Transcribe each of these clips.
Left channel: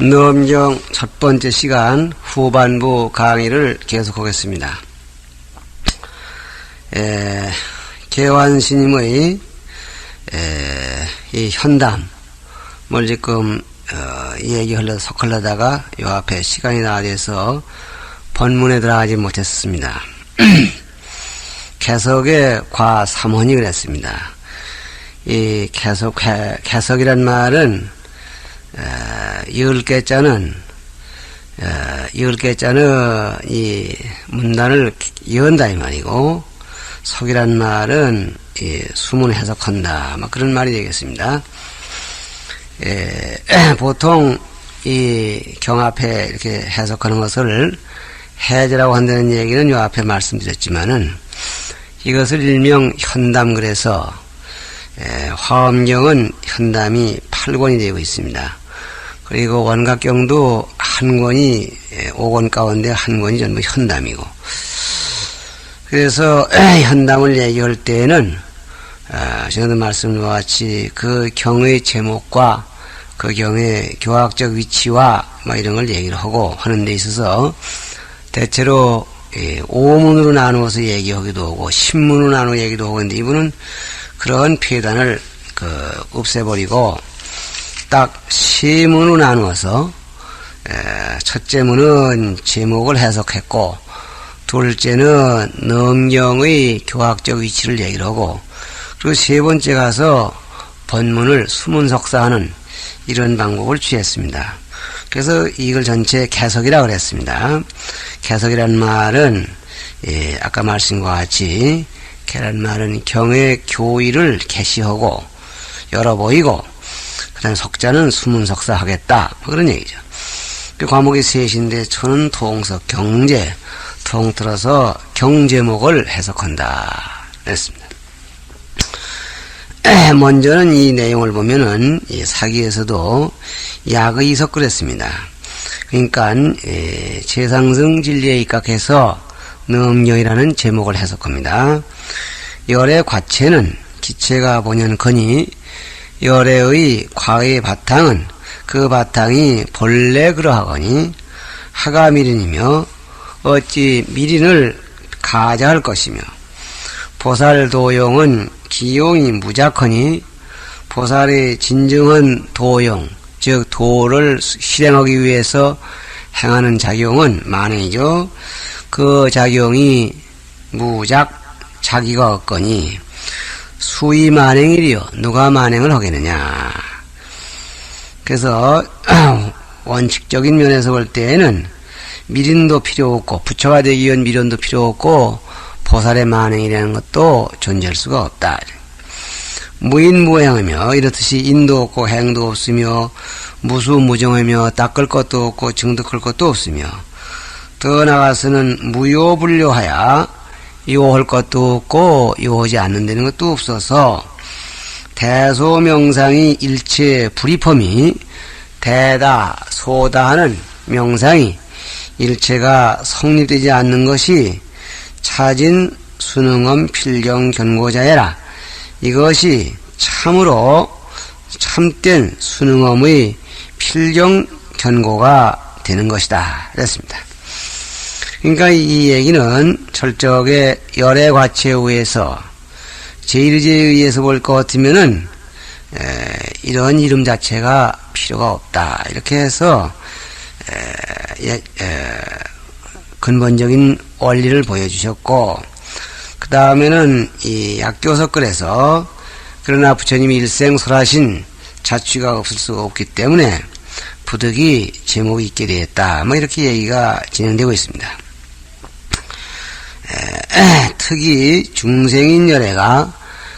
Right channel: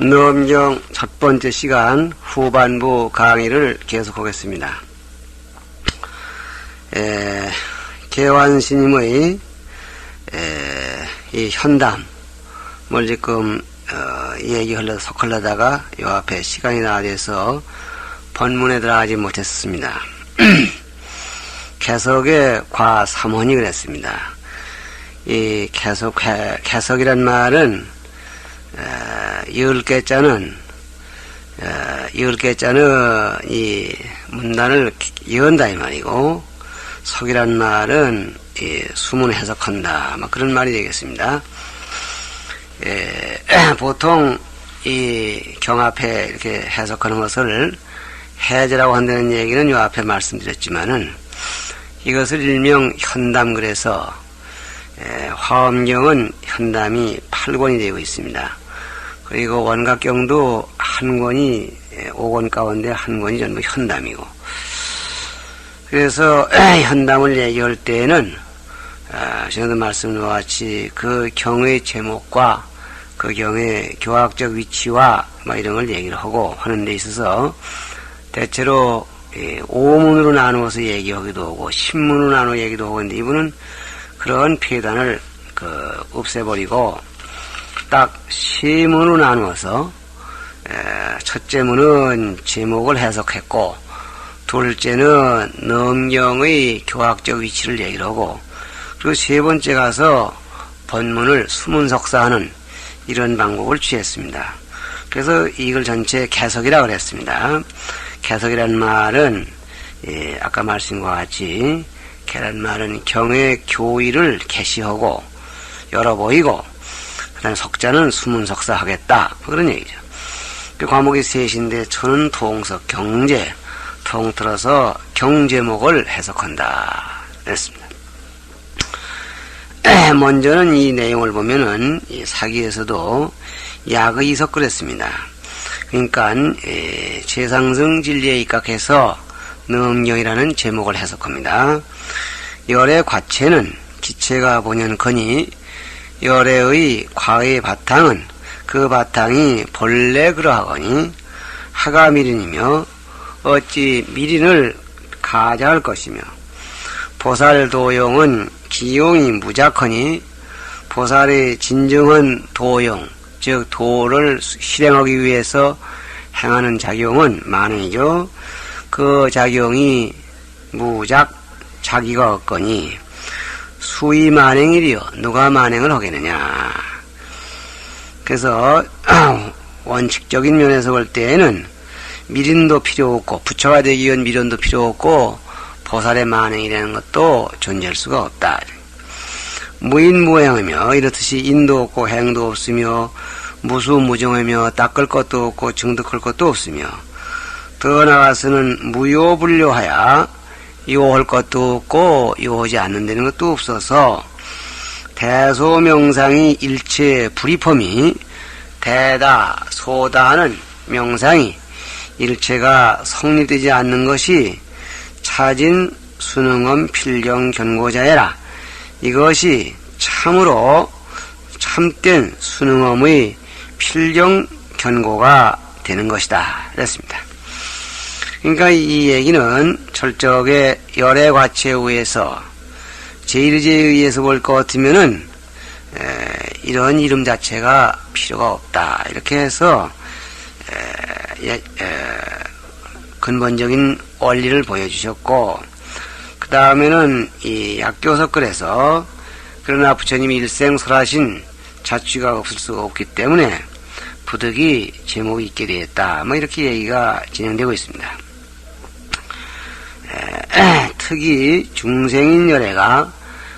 넘경 첫 번째 시간 후반부 강의를 계속하겠습니다. 개환스님의 이 현담을 지금 얘기하려다가 요 앞에 시간이 나와서 본문에 들어가지 못했습니다. 개석의 과 3원이 그랬습니다. 이 개석이란 말은 열개자는 이 문단을 연다 이 말이고, 석이란 말은 이 수문을 해석한다, 막 그런 말이 되겠습니다. 보통 이 경앞에 이렇게 해석하는 것을 해제라고 한다는 얘기는 요 앞에 말씀드렸지만은, 이것을 일명 현담 그래서 화엄경은 현담이 8권이 되고 있습니다. 그리고 원각경도 한 권이 5권 가운데 한 권이 전부 현담이고, 그래서 현담을 얘기할 때에는 전에도 말씀드린 것 같이 그 경의 제목과 그 경의 교학적 위치와 뭐 이런 걸 얘기를 하고 하는 데 있어서 대체로 오문으로 나누어서 얘기하기도 하고 신문으로 나누어 얘기도 하고 있는데, 이분은 그런 표단을 없애버리고 딱 세 문으로 나누어서 첫째 문은 제목을 해석했고, 둘째는 넘경의 교학적 위치를 얘기를 하고, 그리고 세 번째 가서 본문을 수문석사하는 이런 방법을 취했습니다. 그래서 이걸 전체 개석이라고 그랬습니다. 개석이라는 말은 아까 말씀과 같이 개란 말은 경의 교의를 개시하고 열어 보이고, 그 다음에 석자는 수문석사 하겠다, 그런 얘기죠. 그 과목이 셋인데 저는 통석 경제, 통틀어서 경제목을 해석한다 그랬습니다. 먼저는 이 내용을 보면은 이 사기에서도 약의 이석 그랬습니다. 그러니까 최상승 진리에 입각해서 넘경이라는 제목을 해석합니다. 열의 과체는 기체가 본연거니 열의 과의 바탕은 그 바탕이 본래 그러하거니 하가 미린이며 어찌 미린을 가자할 것이며, 보살도용은 기용이 무작하니 보살의 진정한 도용, 즉 도를 실행하기 위해서 행하는 작용은 만행이죠. 그 작용이 무작 자기가 없거니 수의 만행이리요, 누가 만행을 하겠느냐. 그래서 원칙적인 면에서 볼 때에는 미린도 필요 없고, 부처가 되기 위한 미련도 필요 없고, 보살의 만행이라는 것도 존재할 수가 없다. 무인무행하며 이렇듯이 인도 없고 행도 없으며 무수무정하며 닦을 것도 없고 증득할 것도 없으며, 더 나아가서는 무요불료하여 요할 것도 없고 요하지 않는다는 것도 없어서 대소명상이 일체 불이펌이 대다 소다하는 명상이 일체가 성립되지 않는 것이 차진 수능엄 필경 견고자애라. 이것이 참으로 참된 수능엄의 필경 견고가 되는 것이다 그랬습니다. 그러니까 이 얘기는 철저하게 열의 과체에 의해서 제1의제에 의해서 볼 것 같으면은 이런 이름 자체가 필요가 없다, 이렇게 해서 근본적인 원리를 보여주셨고, 그 다음에는 이 약교석글에서 그러나 부처님이 일생 설하신 자취가 없을 수가 없기 때문에 부득이 제목이 있게 되었다, 뭐 이렇게 얘기가 진행되고 있습니다. 특히 중생인 열애가,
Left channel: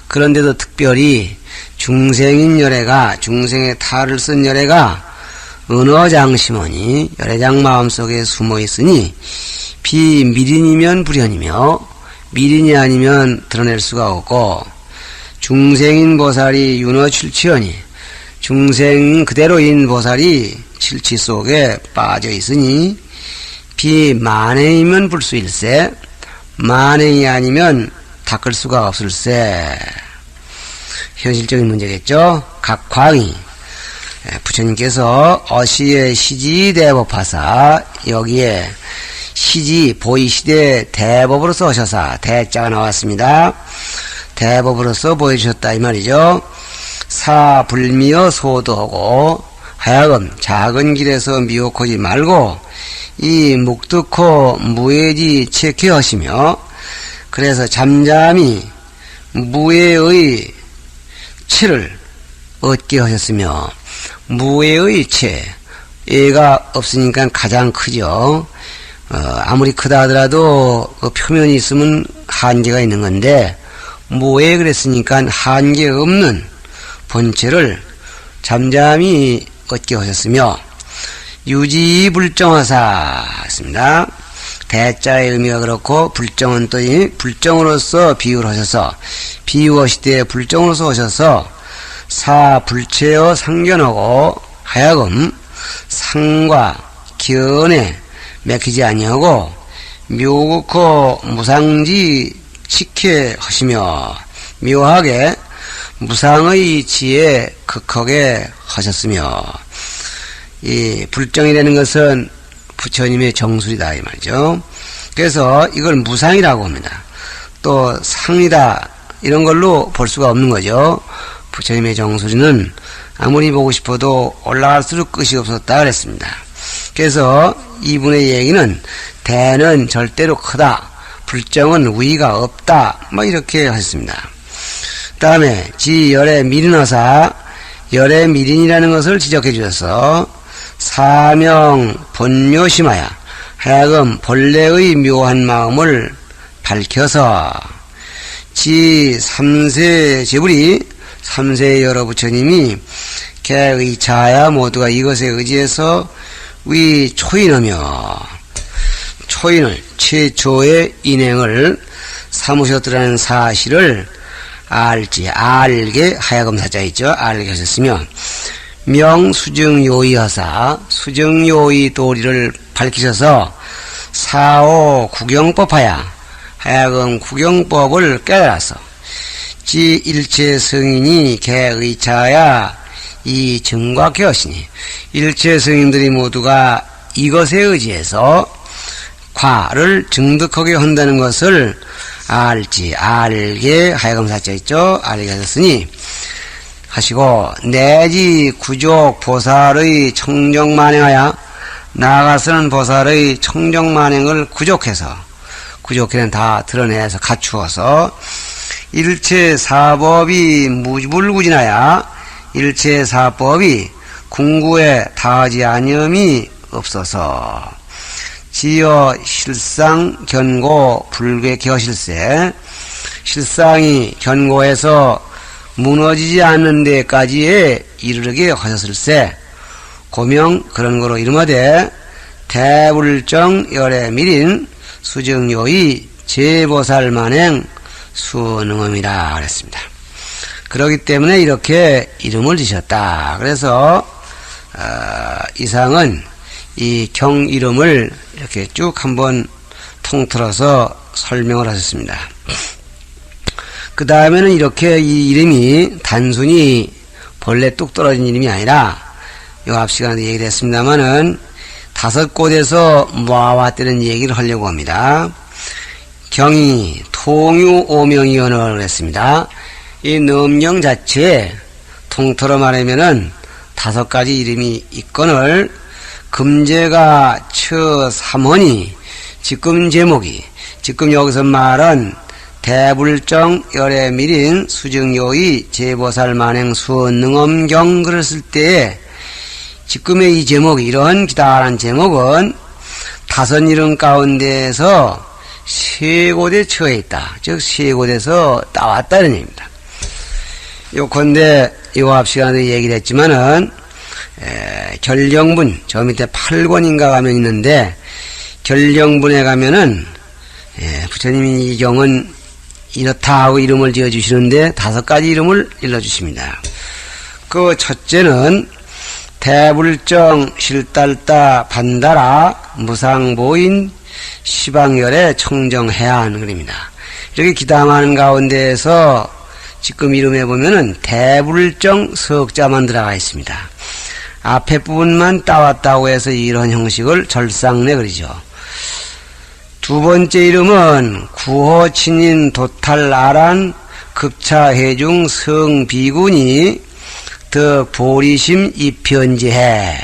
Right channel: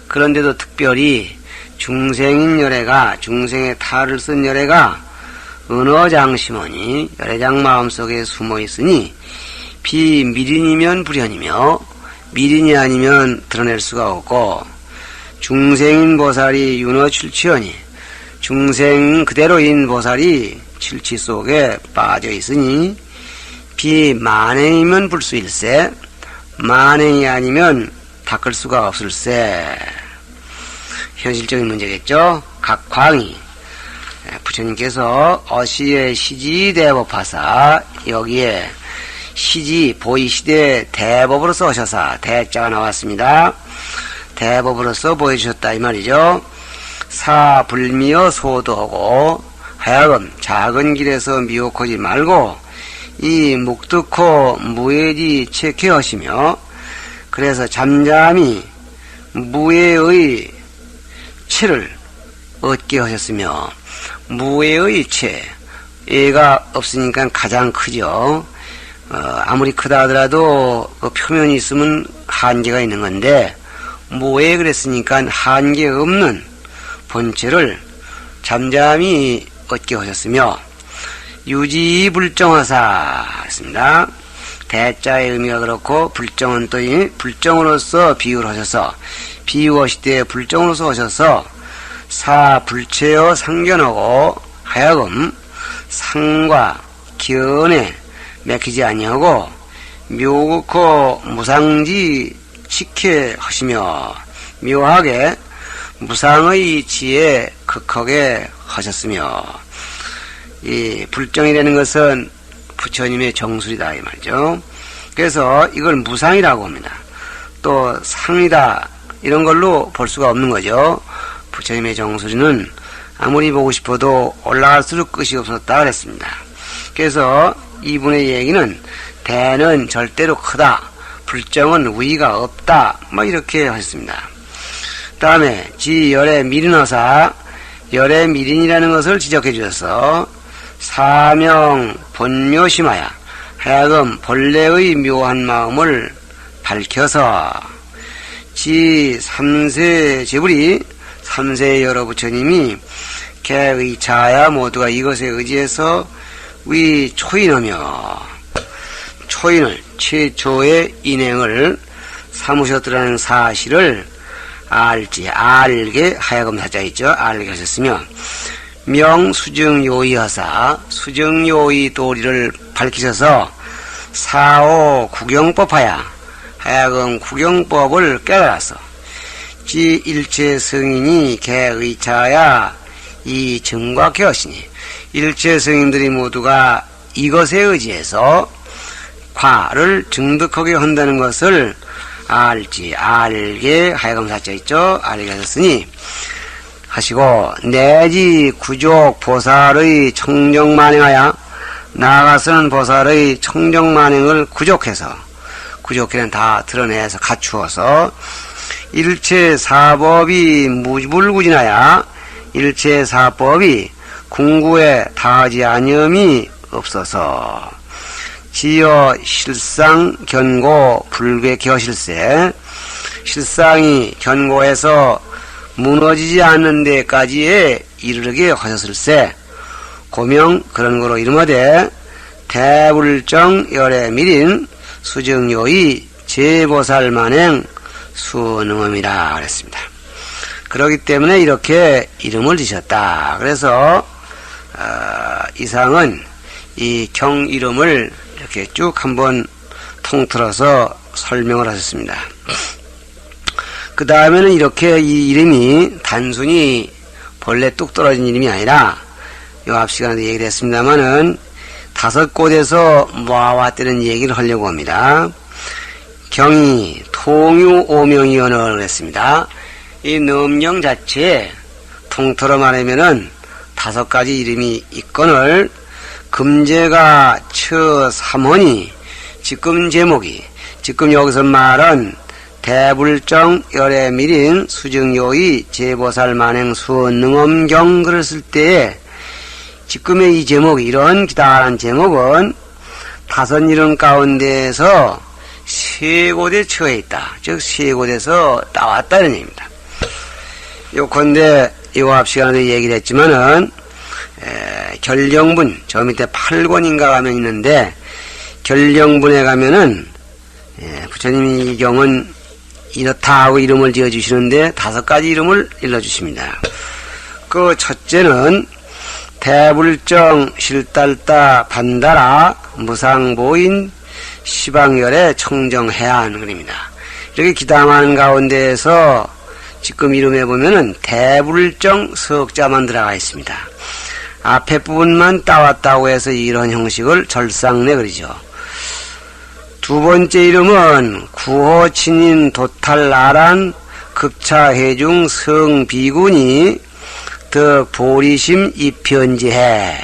그런데도 특별히 중생인 열애가, 중생의 탈을 쓴 열애가 은어장심원이 열애장 마음속에 숨어있으니 비미린이면 불현이며 미린이 아니면 드러낼 수가 없고, 중생인 보살이 윤어출치하니 중생 그대로인 보살이 칠치 속에 빠져있으니 비만행이면 불수일세, 만행이 아니면 닦을 수가 없을세. 현실적인 문제겠죠. 각 광이 부처님께서 어시의 시지 대법하사 여기에 시지 보이시되 대법으로서 오셔서 대자가 나왔습니다. 대법으로서 보여주셨다 이 말이죠. 사불미어 소도하고 하여금 작은 길에서 미혹하지 말고 이 묵득호 무해지 체케하시며 그래서 잠잠히 무해의 체를 얻게 하셨으며 무해의 체 애가 없으니까 가장 크죠. 아무리 크다 하더라도 그 표면이 있으면 한계가 있는 건데 무해 그랬으니까 한계 없는 본체를 잠잠히 얻게 하셨으며 유지불정하사 했습니다. 대자의 의미가 그렇고 불정은 또 불정으로서 비유를 하셔서 비유하시되 불정으로서 오셔서 사불체여 상견하고 하여금 상과 견에 맥히지 아니하고 묘극호 무상지 치케 하시며 묘하게 무상의 지에 극하게 하셨으며 이 불정이라는 것은 부처님의 정술이다 이 말이죠. 그래서 이걸 무상이라고 합니다. 또 상이다 이런 걸로 볼 수가 없는 거죠. 부처님의 정술이는 아무리 보고 싶어도 올라갈수록 끝이 없었다 그랬습니다. 그래서 이분의 얘기는 대는 절대로 크다, 불정은 위가 없다 뭐 이렇게 하셨습니다. 그 다음에 지열의 미린어사 열의 미린이라는 것을 지적해 주셔서 사명 본묘심하여 하여금 본래의 묘한 마음을 밝혀서 지 3세 제불이 3세 여러 부처님이 개의 자야 모두가 이것에 의지해서 위 초인하며 초인을 최초의 인행을 삼으셨더라는 사실을 알게 하여금 사자 있죠. 알게 하셨으며 명수증요의하사 수증요의 도리를 밝히셔서 사오 구경법하여 하여금 구경법을 깨달아서 지 일체 성인이 개의차야 이 증각해 하시니 일체 성인들이 모두가 이것에 의지해서 과를 증득하게 한다는 것을 알게 하여금 사자 있죠. 알게 하셨으니 하시고 내지 구족 보살의 청정만행하여 나아가서는 보살의 청정만행을 구족해는 다 드러내서 갖추어서 일체 사법이 무불구진하여 일체 사법이 궁구에 다하지 아니함이 없어서 지어 실상 견고 불괴 겨실세 실상이 견고해서 무너지지 않는 데까지에 이르게 하셨을세 고명 그런 거로 이름하되 대불정 열의 미린 수정요의 제보살 만행 수능엄이라 그랬습니다. 그렇기 때문에 이렇게 이름을 지셨다. 그래서 이상은 이 경 이름을 이렇게 쭉 한번 통틀어서 설명을 하셨습니다. 그 다음에는 이렇게 이 이름이 단순히 본래 뚝 떨어진 이름이 아니라 요 앞 시간에 얘기를 했습니다마는 5곳에서 모아왔다는 얘기를 하려고 합니다. 경이 통유 오명이언어를 했습니다. 이 넘경 자체에 통틀어 말하면은 5가지 이름이 있거늘 금제가 처 3원이 지금 제목이 지금 여기서 말은 대불정 열의 미린 수정요의 제보살 만행 수능엄경 그랬을 때에 지금의 이 제목이 이런 기다란 제목은 5 이름 가운데에서 3곳에 처해 있다. 즉 3곳에서 나왔다는 얘기입니다. 요컨대 요 앞 시간에 얘기를 했지만은 결령분 저 밑에 8권인가 가면 있는데 결령분에 가면은 부처님이 이 경은 이렇다 하고 이름을 지어주시는데 5가지 이름을 일러주십니다. 그 첫째는 대불정 실달다 반달아 무상보인 시방열의 청정해안 그립니다. 여기 기담하는 가운데에서 지금 이름에 보면은 대불정 석자만 들어가 있습니다. 앞에 부분만 따왔다고 해서 이런 형식을 절상내 그리죠. 두 번째 이름은 구호친인 도탈나란 급차해중 성비군이 더 보리심 입현지해.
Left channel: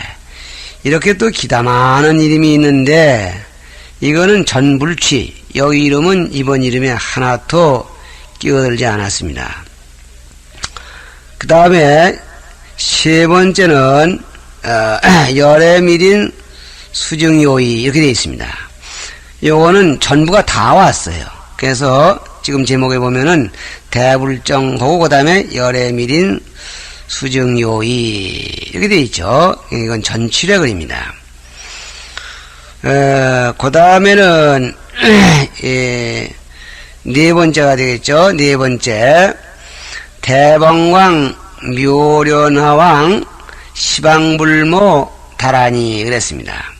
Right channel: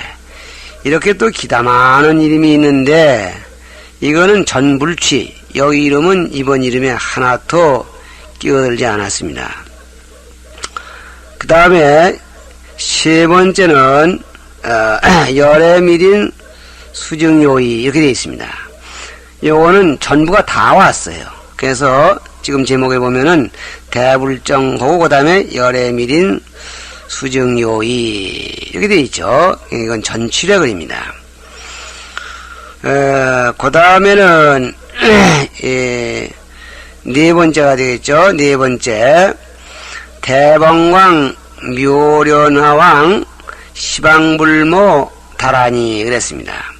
이렇게 또 기다 많은 이름이 있는데 이거는 전불취. 여기 이름은 이번 이름에 하나도 끼어들지 않았습니다. 그 다음에 세 번째는 열애밀인 수정요의 이렇게 되어 있습니다. 요거는 전부가 다 왔어요. 그래서 지금 제목에 보면은 대불정하고 그 다음에 열애밀인 수정요의 이렇게 되어 있죠. 이건 전치래 글입니다. 그 다음에는 네 번째가 되겠죠. 네 번째 대방왕 묘련하왕 시방불모 다라니 그랬습니다.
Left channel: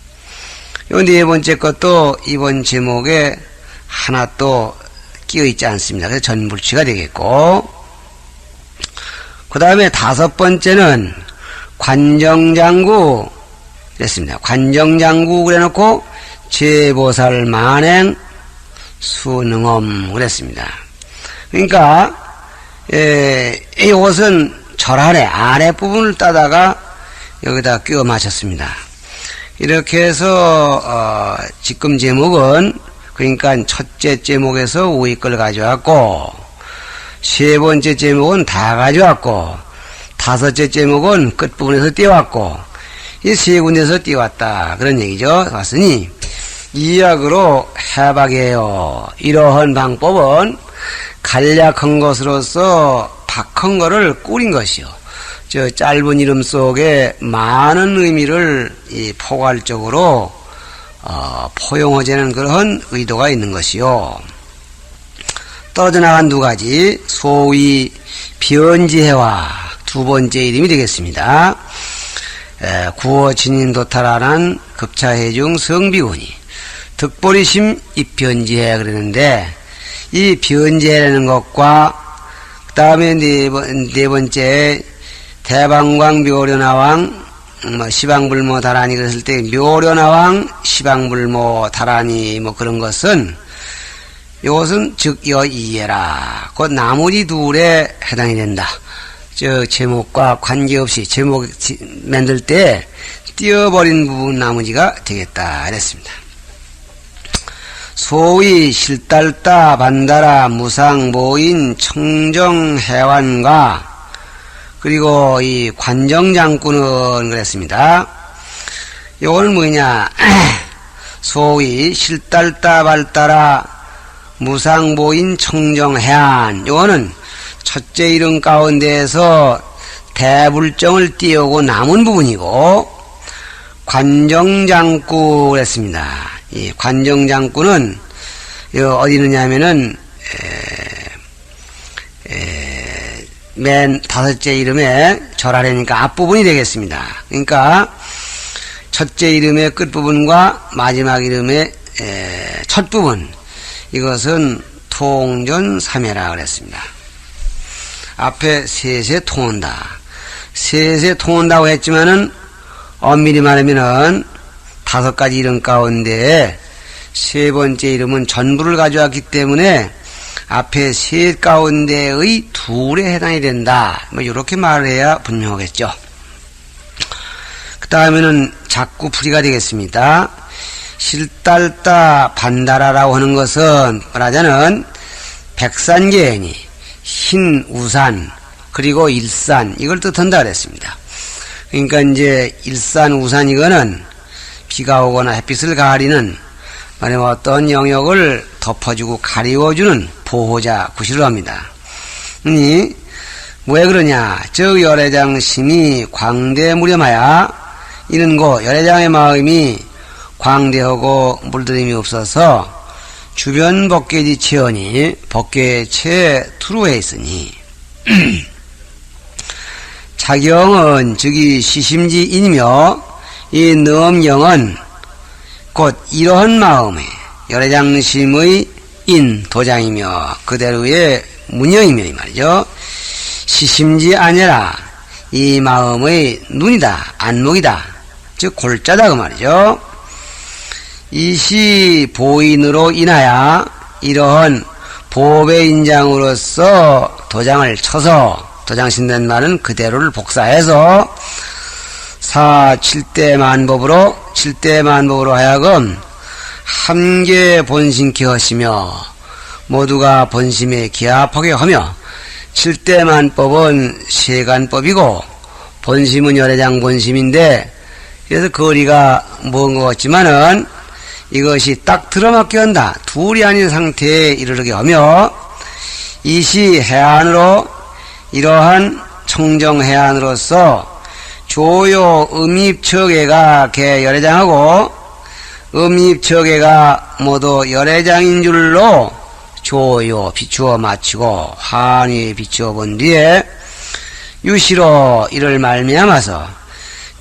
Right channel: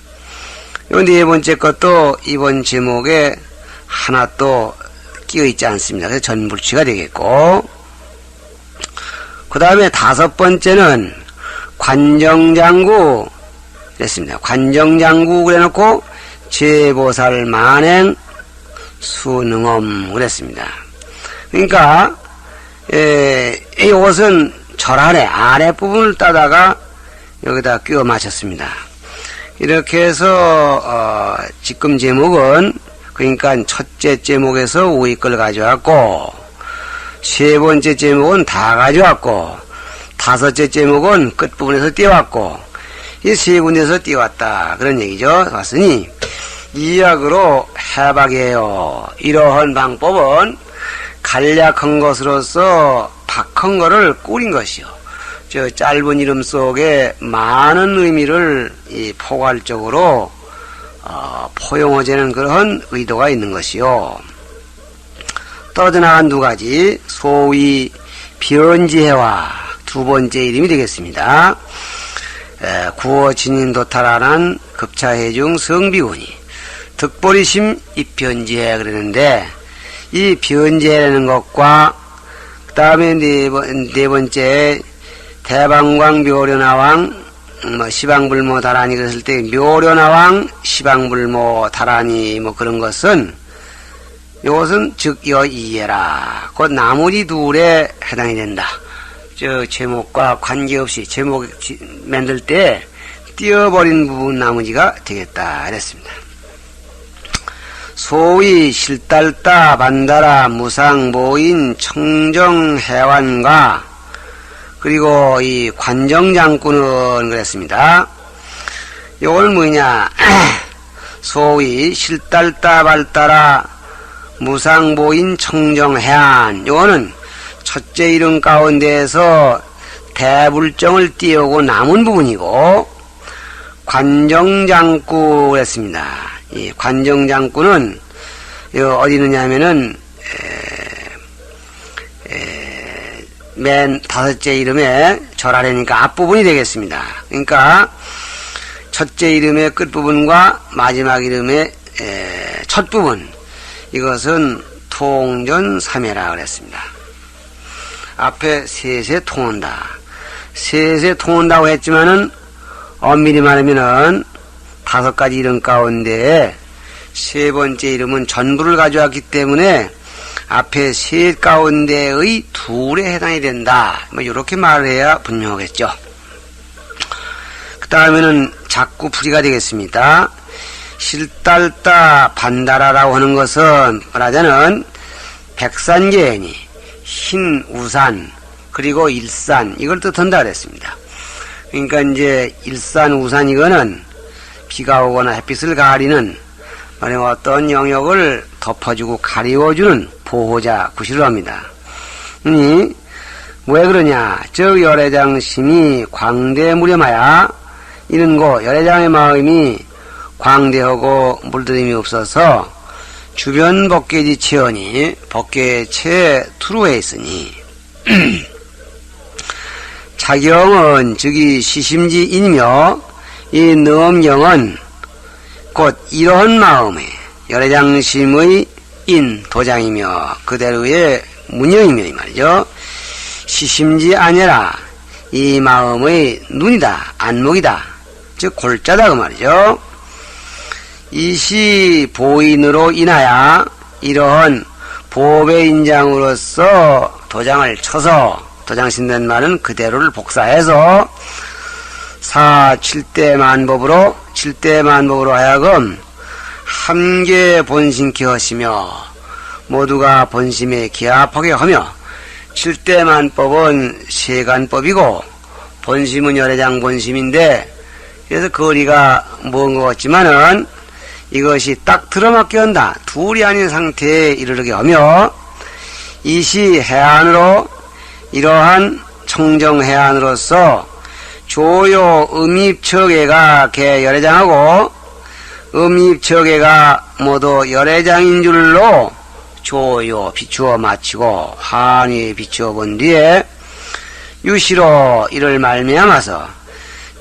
요 네 번째 것도 이번 제목에 하나 또 끼어 있지 않습니다. 그래서 전불치가 되겠고, 그 다음에 다섯 번째는 관정장구 그랬습니다. 관정장구 그래놓고 제보살 만행 수능엄 그랬습니다. 그러니까 이것은 절안에 아랫부분을 따다가 여기다 끼워 맞췄습니다. 이렇게 해서 지금 제목은 그러니까 첫째 제목에서 위에 걸 가져왔고 세 번째 제목은 다 가져왔고 다섯째 제목은 끝부분에서 띄워왔고 이 세 군데에서 띄워왔다 그런 얘기죠. 왔으니 이약으로 해박이에요. 이러한 방법은 간략한 것으로서 박한 거를 꾸린 것이요. 저 짧은 이름 속에 많은 의미를 포괄적으로 포용하자는 그런 의도가 있는 것이요. 떨어져 나간 두 가지 소위 변지해와 두 번째 이름이 되겠습니다. 구어 진인도탈하는 급차해중 성비군이 득보리심 입변지해 그러는데 이 변지해라는 것과 그 다음에 네 번째 대방광 묘련하왕 시방불모 다라니 그랬을 때 묘련하왕 시방불모 다라니 뭐 그런 것은 이것은 즉 여이해라 그 나머지 둘에 해당이 된다. 저 제목과 관계없이 제목 만들 때 띄어버린 부분 나머지가 되겠다 그랬습니다. 소위 실달다 반다라 무상 모인 청정 해완과 그리고 이 관정장군은 그랬습니다. 이걸 뭐냐 소위 실달다 발다라 무상 모인 청정 해안 이거는 첫째 이름 가운데에서 대불정을 띄우고 남은 부분이고 관정장구 그랬습니다. 이 관정장구는 어디 있느냐면은 맨 다섯째 이름에 절하려니까 앞부분이 되겠습니다. 그러니까 첫째 이름의 끝부분과 마지막 이름의 첫 부분 이것은 통전삼해라 그랬습니다. 앞에 셋에 통한다. 셋에 통한다고 했지만은 엄밀히 말하면은 다섯 가지 이름 가운데 세 번째 이름은 전부를 가져왔기 때문에 앞에 셋 가운데의 둘에 해당이 된다. 뭐 이렇게 말을 해야 분명하겠죠. 그 다음에는 자꾸 풀이가 되겠습니다. 실달다 반다라라고 하는 것은 말하자면 백산계행이 흰 우산 그리고 일산 이걸 뜻한다 그랬습니다. 그러니까 이제 일산 우산 이거는 비가 오거나 햇빛을 가리는 말하면 어떤 영역을 덮어주고 가리워주는 보호자 구실로 합니다. 왜 그러냐? 저 열애장심이 광대무렴하야 이는 고 열애장의 마음이 광대하고 물들임이 없어서 주변 법계지 체언이 법계체 투루에 있으니 자경은 즉이 시심지이며 이 넘경은 곧 이러한 마음에 열애장심의 인 도장이며 그대로의 문영이며 이 말이죠. 시심지 아니라 이 마음의 눈이다, 안목이다. 즉 골자다 그 말이죠. 이시 보인으로 인하여 이러한 보배 인장으로서 도장을 쳐서, 도장 신는 말은 그대로를 복사해서 칠대만법으로 하여금 함께 본심케 하시며 모두가 본심에 기합하게 하며, 칠대만법은 세간법이고 본심은 열애장 본심인데, 그래서 거리가 먼 것 같지만은 이것이 딱 들어맞게 한다. 둘이 아닌 상태에 이르게 하며, 이시 해안으로 이러한 청정해안으로서 조요 음입처계가 개 열애장하고 음입처계가 모두 열애장인 줄로 조요 비추어 마치고 항이 비추어 본 뒤에 유시로 이를 말미암아서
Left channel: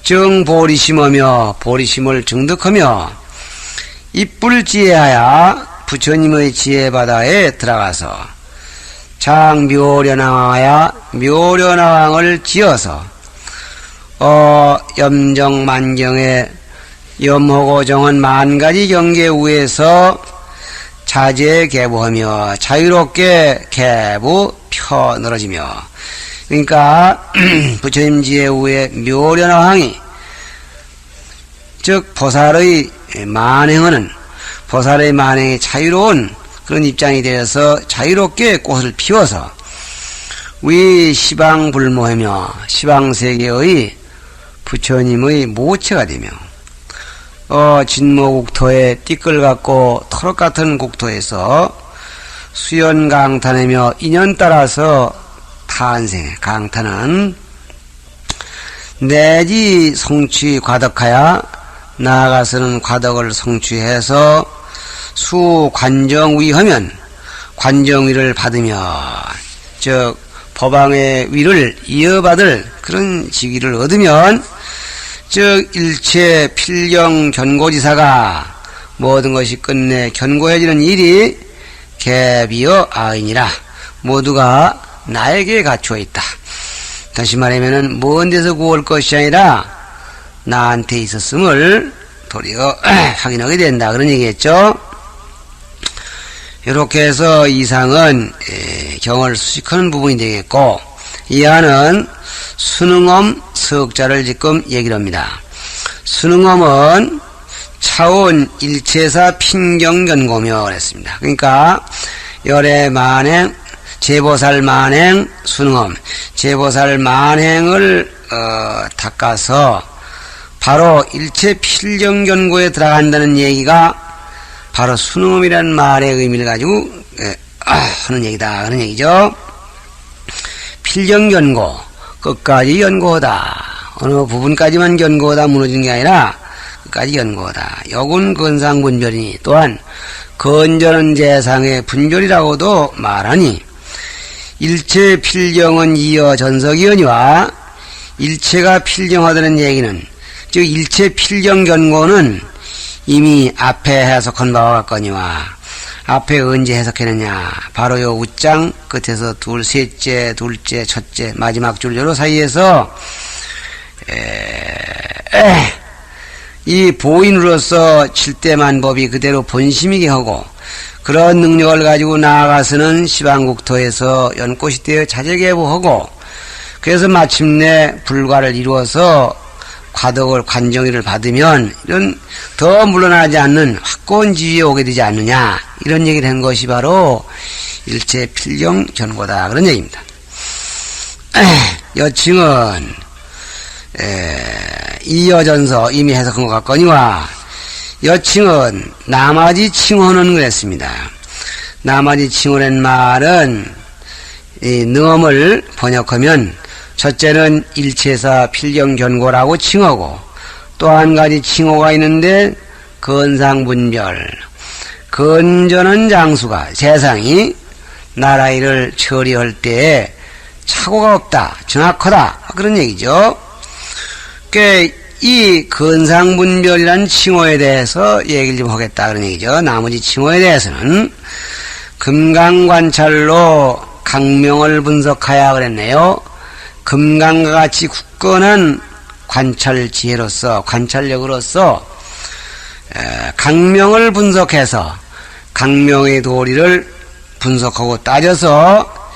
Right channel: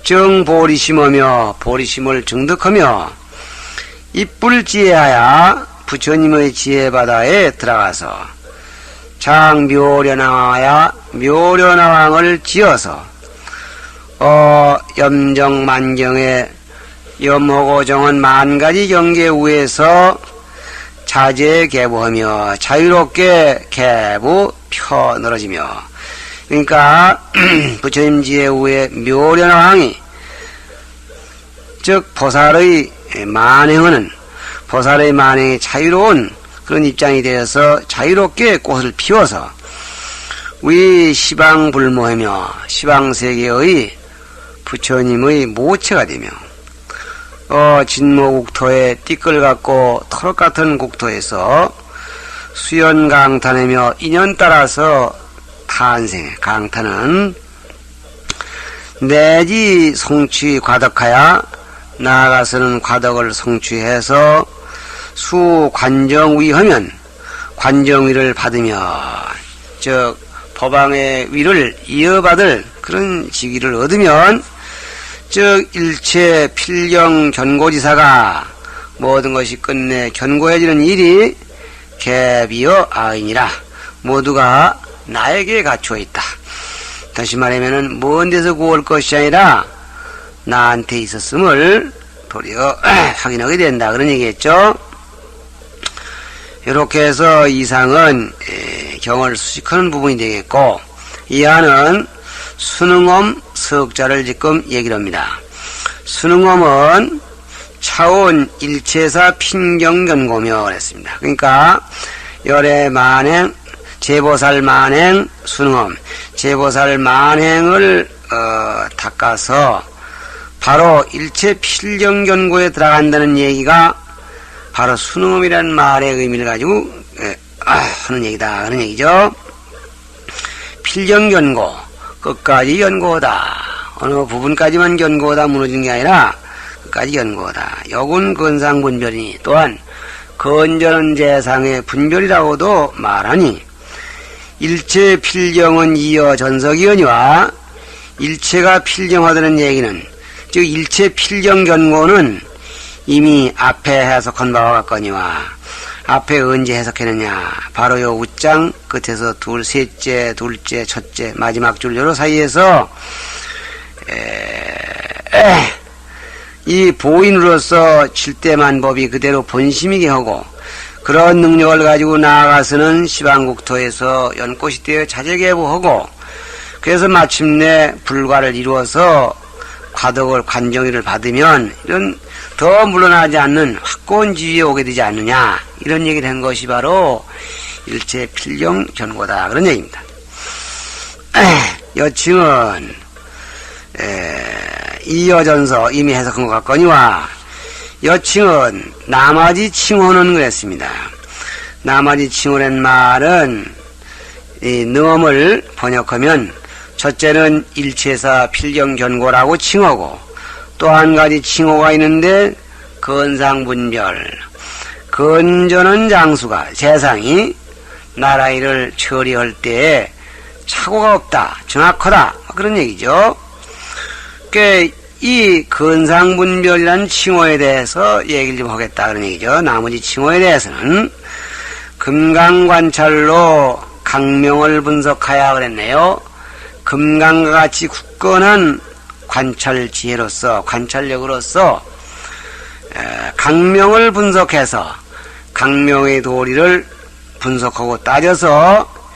정보리심하며 보리심을 증득하며 입불지혜하여 부처님의 지혜바다에 들어가서 장묘련왕하여 묘련왕을 지어서 염정만경에 염호고 정한 만가지 경계 위에서 자제 개부하며 자유롭게 개부 펴 늘어지며, 그러니까 부처님 지혜 위에 묘련왕이 즉 보살의 만행이 자유로운 그런 입장이 되어서 자유롭게 꽃을 피워서 위 시방불모하며 시방세계의 부처님의 모체가 되며 진모국토에 띠끌 같고 터럭 같은 국토에서 수연강탄하며 인연 따라서 강탄은 내지 성취 과덕하여 나아가서는 과덕을 성취해서 수관정위 하면 관정위를 받으며, 즉 법왕의 위를 이어받을 그런 직위를 얻으면, 즉 일체 필경 견고지사가 모든 것이 끝내 견고해지는 일이 개비어 아이니라. 모두가 나에게 갖추어 있다. 다시 말하면은 먼 데서 구할 것이 아니라 나한테 있었음을 도리어 확인하게 된다, 그런 얘기겠죠. 이렇게 해서 이상은 경을 수식하는 부분이 되겠고, 이하는 수능엄 석자를 지금 얘기를 합니다. 수능엄은 차원 일체사 핀경견고며 그랬습니다. 그러니까 열애 만행, 제보살 만행, 수능엄, 제보살 만행을 닦아서 바로 일체 필경견고에 들어간다는 얘기가 바로 수능엄이라는 말의 의미를 가지고 하는 얘기다, 그런 얘기죠. 필경견고, 끝까지 견고하다. 어느 부분까지만 견고하다 무너지는 게 아니라 끝까지 견고하다. 역은 건상분별이니 또한 건전한 재상의 분별이라고도 말하니, 일체 필경은 이어 전석이언니와 일체가 필경하다는 얘기는, 즉 일체 필경 견고는 이미 앞에 해석한 바와 같거니와, 앞에 언제 해석했느냐, 바로 요 웃장 끝에서 셋째, 둘째, 첫째, 마지막 줄 요로 사이에서 이 보인으로서 칠대만법이 그대로 본심이게 하고, 그런 능력을 가지고 나아가서는 시방국토에서 연꽃이 되어 자제개부하고, 그래서 마침내 불과를 이루어서 과덕을 관정의를 받으면 이런 더 물러나지 않는 확고한 지위에 오게 되지 않느냐, 이런 얘기를 한 것이 바로 일체 필경 견고다, 그런 얘기입니다. 여칭은 이여전서 이미 해석한 것 같거니와, 여칭은 나머지 칭호는 그랬습니다. 나머지 칭호란 말은 이 능엄을 번역하면 첫째는 일체사 필경견고라고 칭하고, 또 한 가지 칭호가 있는데 건상분별, 건전한 장수가 세상이 나라 일을 처리할 때에 착오가 없다, 정확하다, 그런 얘기죠. 이 건상분별이라는 칭호에 대해서 얘기를 좀 하겠다, 그런 얘기죠. 나머지 칭호에 대해서는 금강관찰로 강명을 분석하여 그랬네요. 금강과 같이 굳건한 관찰 지혜로서, 관찰력으로서 강명을 분석해서 강명의 도리를 분석하고 따져서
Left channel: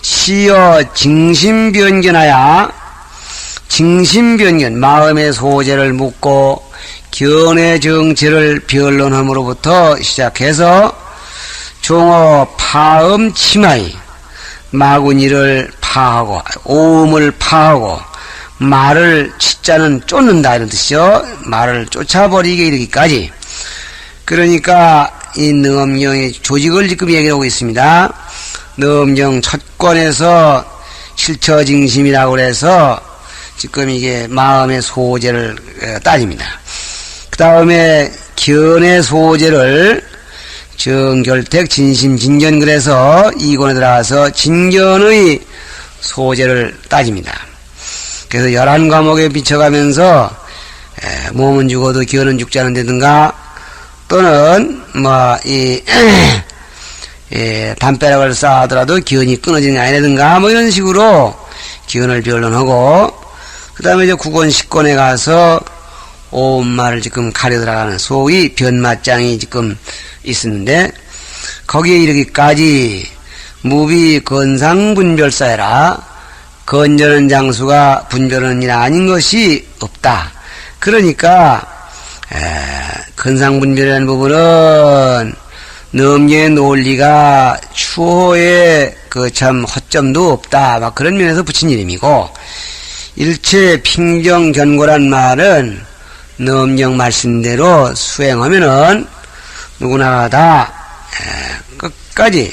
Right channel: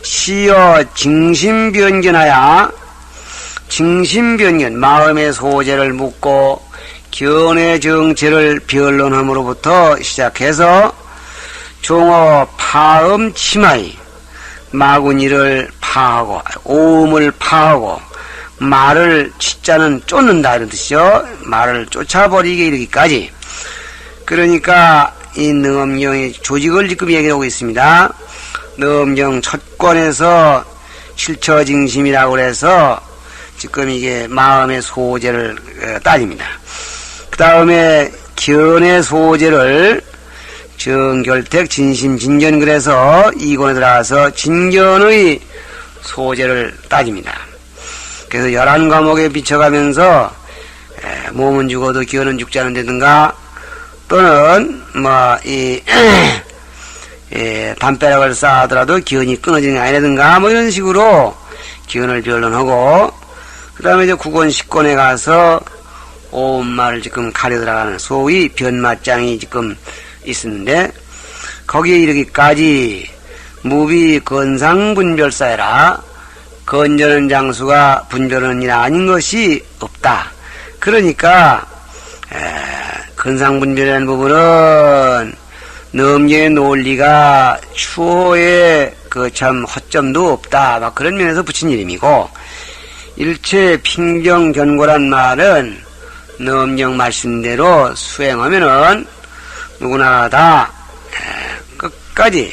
시여 징심변견하여 징심변견, 마음의 소재를 묻고 견해 정체를 변론함으로부터 시작해서 종어 파음 치마이, 마구니를 파하고 오음을 파하고 말을 치자는 쫓는다 이런 뜻이죠. 말을 쫓아버리게 이르기까지. 그러니까 이 능엄경의 조직을 지금 얘기하고 있습니다. 능엄경 첫 권에서 실처징심이라고 해서 지금 이게 마음의 소재를 따집니다. 그 다음에 견의 소재를 정결택 진심진견 그래서 이 권에 들어가서 진견의 소재를 따집니다. 그래서 11과목에 비춰가면서 몸은 죽어도 견은 죽지 않는다든가 또는 담벼락을 쌓아더라도 견이 끊어지는 게 아니라든가 이런 식으로 견을 변론하고 그 다음에 이제 9권 10권에 가서 오음말을 지금 가려 들어가는 소위 변마장이 지금 있었는데 거기에 이르기까지 무비 건상분별사해라. 건전한 장수가 분별하는 일 아닌 것이 없다. 그러니까 건상분별이라는 부분은 넘겨의 논리가 추호의 그 참 허점도 없다. 막 그런 면에서 붙인 이름이고 일체 핑정견고란 말은 넘경 말씀대로 수행하면은 누구나 다 끝까지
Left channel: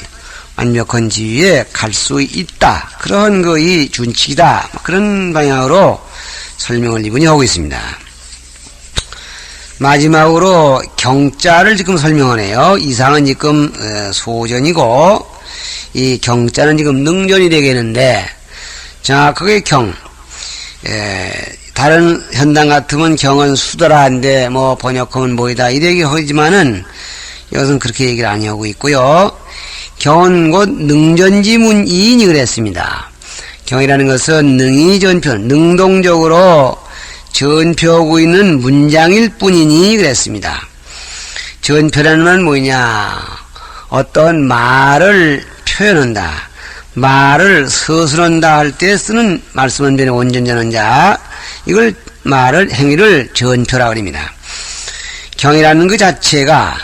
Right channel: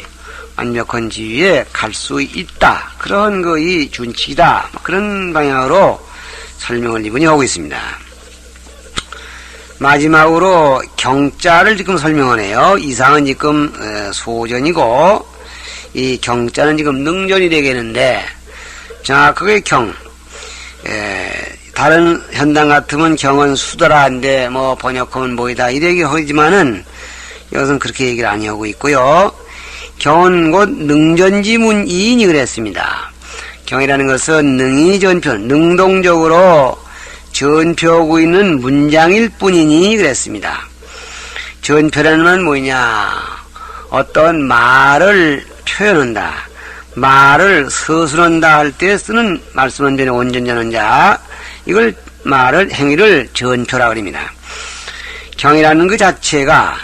완벽한 지위에 갈 수 있다. 그런 거의 준칙이다. 그런 방향으로 설명을 이분이 하고 있습니다. 마지막으로 경자를 지금 설명하네요. 이상은 지금 소전이고 이 경자는 지금 능전이 되겠는데 자 그게 경 다른 현당 같으면 경은 수더라인데 번역하면 뭐이다 이렇게 하지만은 이것은 그렇게 얘기를 안 하고 있고요. 경은 곧 능전지문이인이 그랬습니다. 경이라는 것은 능이 전표, 능동적으로 전표하고 있는 문장일 뿐이니 그랬습니다. 전표라는 말은 뭐냐? 어떤 말을 표현한다. 말을 서술한다 할 때 쓰는 말씀원변의 원전전원자 이걸 말을 행위를 전표라고 합니다. 경이라는 그 자체가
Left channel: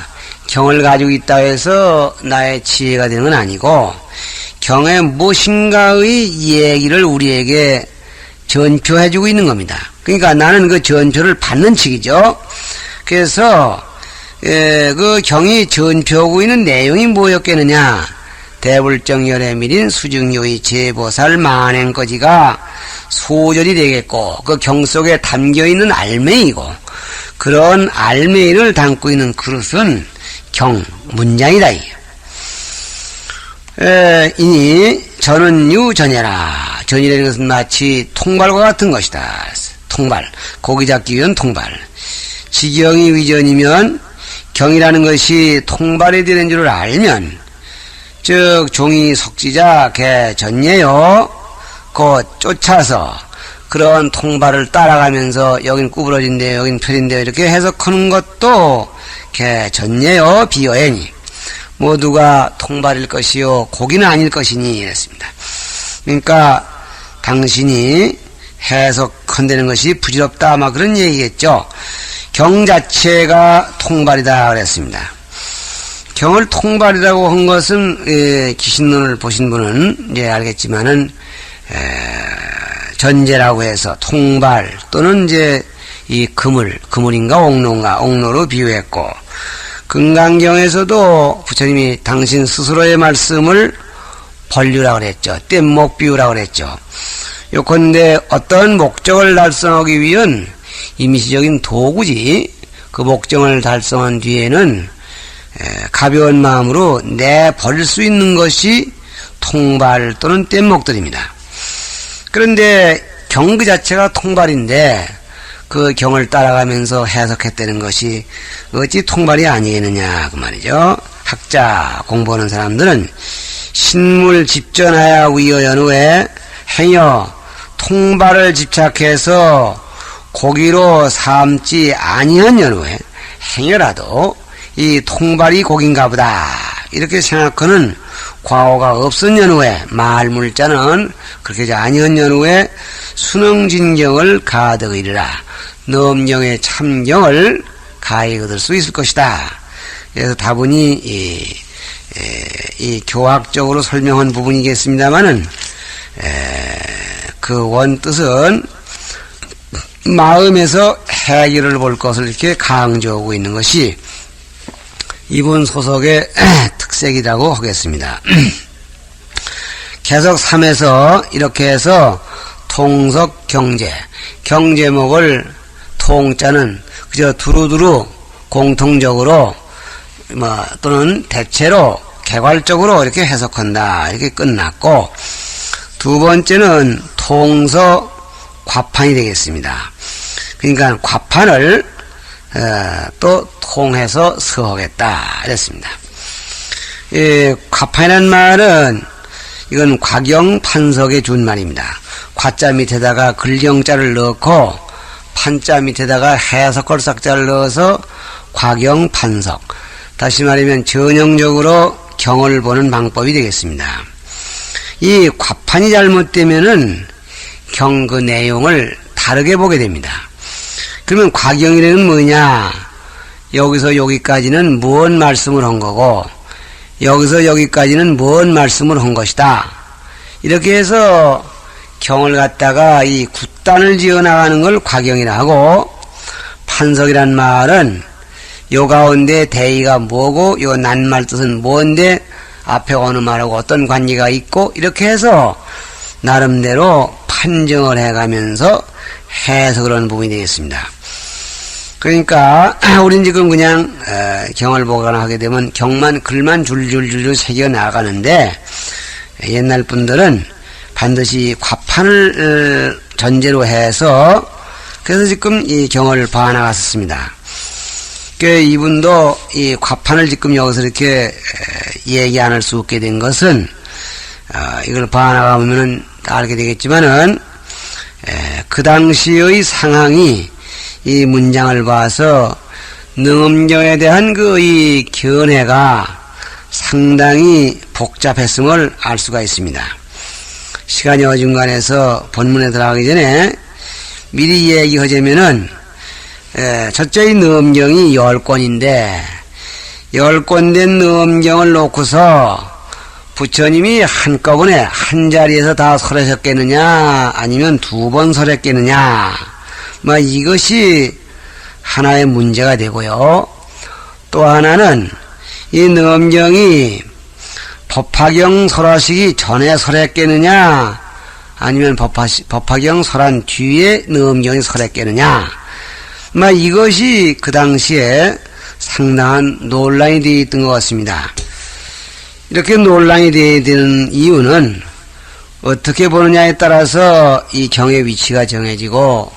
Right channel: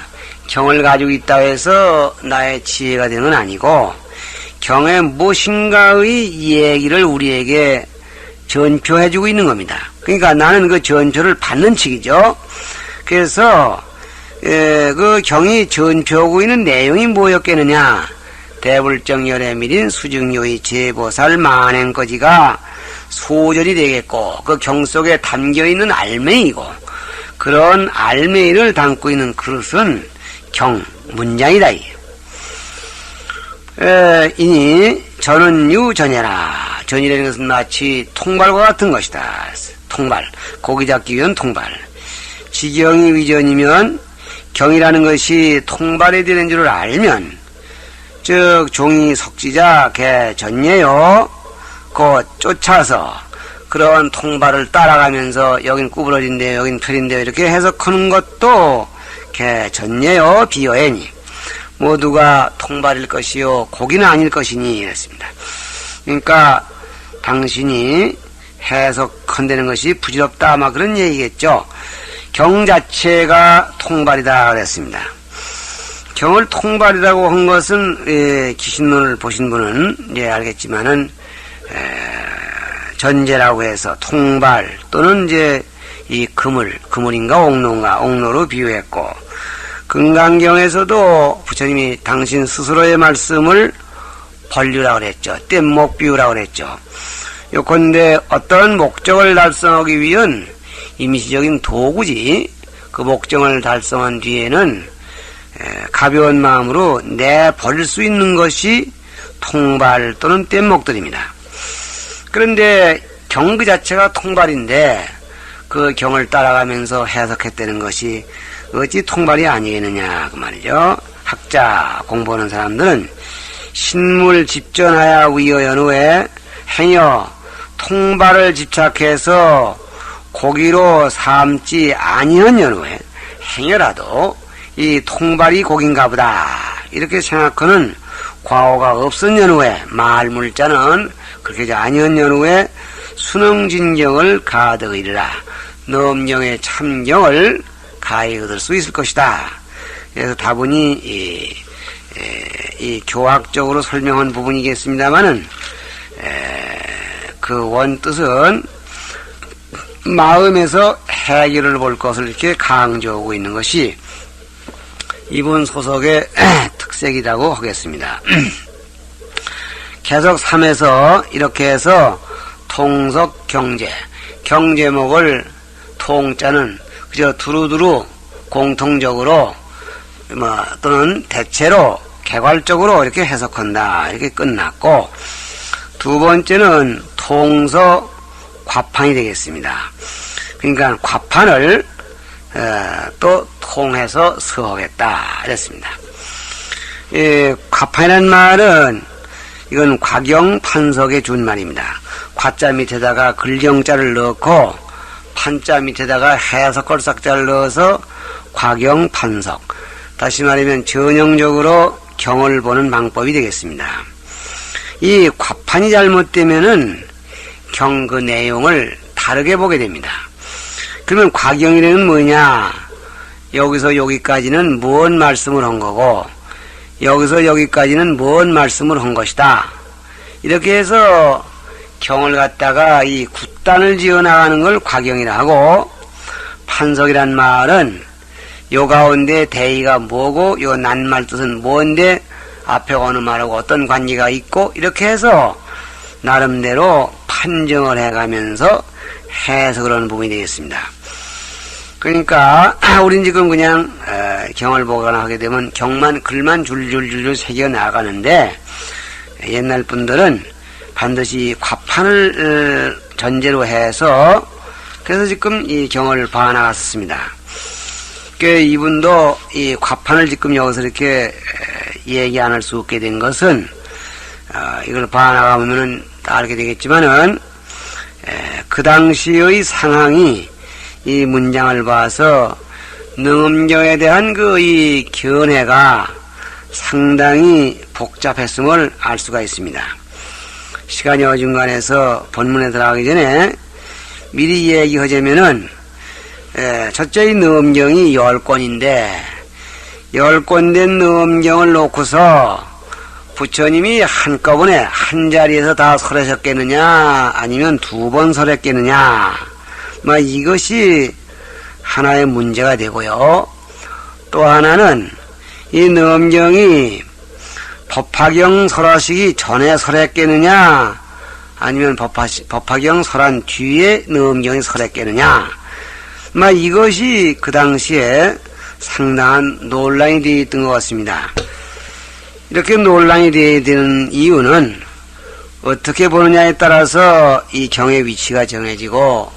경을 가지고 있다 해서 나의 지혜가 되는 건 아니고 경의 무엇인가의 얘기를 우리에게 전표해주고 있는 겁니다. 그러니까 나는 그 전표를 받는 측이죠. 그래서 그 경이 전표하고 있는 내용이 뭐였겠느냐? 대불정열애밀인 수증요의 제보살 만행거지가 소절이 되겠고 그 경 속에 담겨있는 알맹이고 그런 알맹이를 담고 있는 그릇은 경, 문장이다. 이니 전은유 전해라. 전이라는 것은 마치 통발과 같은 것이다. 통발, 고기 잡기 위한 통발. 지경이 위전이면 경이라는 것이 통발이 되는 줄을 알면 즉 종이 석지자 개 전예요. 곧 쫓아서 그런 통발을 따라가면서 여긴 구부러진대요 여긴 펴진대요 이렇게 해석하는 것도 개 전예요 비어애니 모두가 통발일 것이요 고기는 아닐 것이니 이랬습니다. 그러니까 당신이 해석한다는 것이 부질없다 막 그런 얘기겠죠. 경 자체가 통발이다 그랬습니다. 경을 통발이라고 한 것은 기신론을 보신 분은 이제 알겠지만은 전제라고 해서 통발 또는 이제 이 그물인가 옥로로 비유했고 금강경에서도 부처님이 당신 스스로의 말씀을 번류라고 그랬죠. 뗏목 비유라고 그랬죠. 요컨대 어떤 목적을 달성하기 위한 임시적인 도구지 그 목적을 달성한 뒤에는 가벼운 마음으로 내버릴 수 있는 것이 통발 또는 뗏목들입니다. 그런데 경 그 자체가 통발인데 그 경을 따라가면서 해석했다는 것이 어찌 통발이 아니겠느냐 그 말이죠. 학자 공부하는 사람들은 신물 집전하야 위여연 후에 행여 통발을 집착해서 고기로 삼지 아니한 연후에 행여라도 이 통발이 고기인가 보다 이렇게 생각하는 과오가 없은 연후에 말물자는 그렇게 아니한 연후에 순응진경을 가득 이르라 넘경의 참경을 가히 얻을 수 있을 것이다. 그래서 다분히 이 교학적으로 설명한 부분이겠습니다만은 그 원뜻은 마음에서 해결을 볼 것을 이렇게 강조하고 있는 것이 이번 소설의 특색이라고 하겠습니다. 계속 3에서 이렇게 해서 통석 경제목을 통자는 그저 두루두루 공통적으로 또는 대체로 개괄적으로 이렇게 해석한다 이렇게 끝났고, 두 번째는 통서 과판이 되겠습니다. 그러니까 과판을 또 통해서 서하겠다 이랬습니다. 과판이라는 말은 이건 과경판석의 준말입니다. 과자 밑에다가 글경자를 넣고 판자 밑에다가 해석걸삭자를 넣어서 과경판석, 다시 말하면 전형적으로 경을 보는 방법이 되겠습니다. 이 과판이 잘못되면은 경 그 내용을 다르게 보게 됩니다. 그러면 과경이라는 뭐냐? 여기서 여기까지는 뭔 말씀을 한 거고 여기서 여기까지는 뭔 말씀을 한 것이다. 이렇게 해서 경을 갖다가 이 굿단을 지어 나가는 걸 과경이라 하고, 판석이란 말은 요 가운데 대의가 뭐고 요 낱말 뜻은 뭔데 앞에 어느 말하고 어떤 관계가 있고 이렇게 해서 나름대로 판정을 해가면서 해석을 하는 부분이 되겠습니다. 그러니까 우린 지금 그냥 경을 보거나 하게 되면 경만 글만 줄줄줄줄 새겨 나가는데, 옛날 분들은 반드시 과판을 전제로 해서 그래서 지금 이 경을 봐나갔었습니다. 이분도 이 과판을 지금 여기서 이렇게 얘기 안 할 수 없게 된 것은 이걸 봐나가면은 다 알게 되겠지만은 그 당시의 상황이 이 문장을 봐서 능엄경에 대한 그 이 견해가 상당히 복잡했음을 알 수가 있습니다. 시간이 어중간해서 본문에 들어가기 전에 미리 얘기하자면은 첫째 능엄경이 10권인데 10권 된 능엄경을 놓고서 부처님이 한꺼번에 한 자리에서 다 설하셨겠느냐 아니면 2번 설했겠느냐, 이것이 하나의 문제가 되고요. 또 하나는 이 능엄경이 법화경 설하시기 전에 설했겠느냐 아니면 법화경 설한 뒤에 능엄경이 설했겠느냐, 이것이 그 당시에 상당한 논란이 되어 있던 것 같습니다. 이렇게 논란이 되어야 되는 이유는 어떻게 보느냐에 따라서 이 경의 위치가 정해지고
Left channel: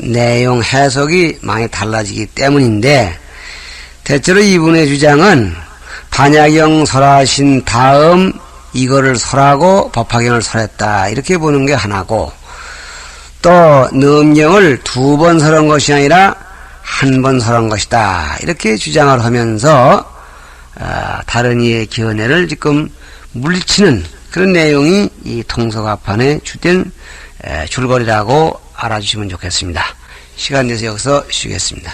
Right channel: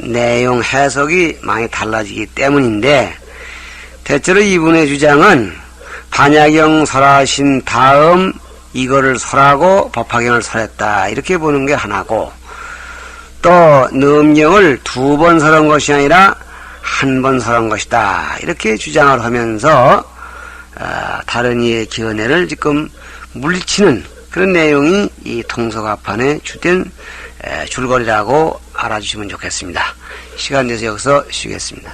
내용 해석이 많이 달라지기 때문인데, 대체로 이분의 주장은 반야경 설하신 다음 이거를 설하고 법화경을 설했다 이렇게 보는 게 하나고, 또 능엄경을 2번 설한 것이 아니라 1번 설한 것이다 이렇게 주장을 하면서 다른 이의 견해를 지금 물리치는 그런 내용이 이 통서과판의 주된 줄거리라고 알아주시면 좋겠습니다. 시간 돼서 여기서 쉬겠습니다.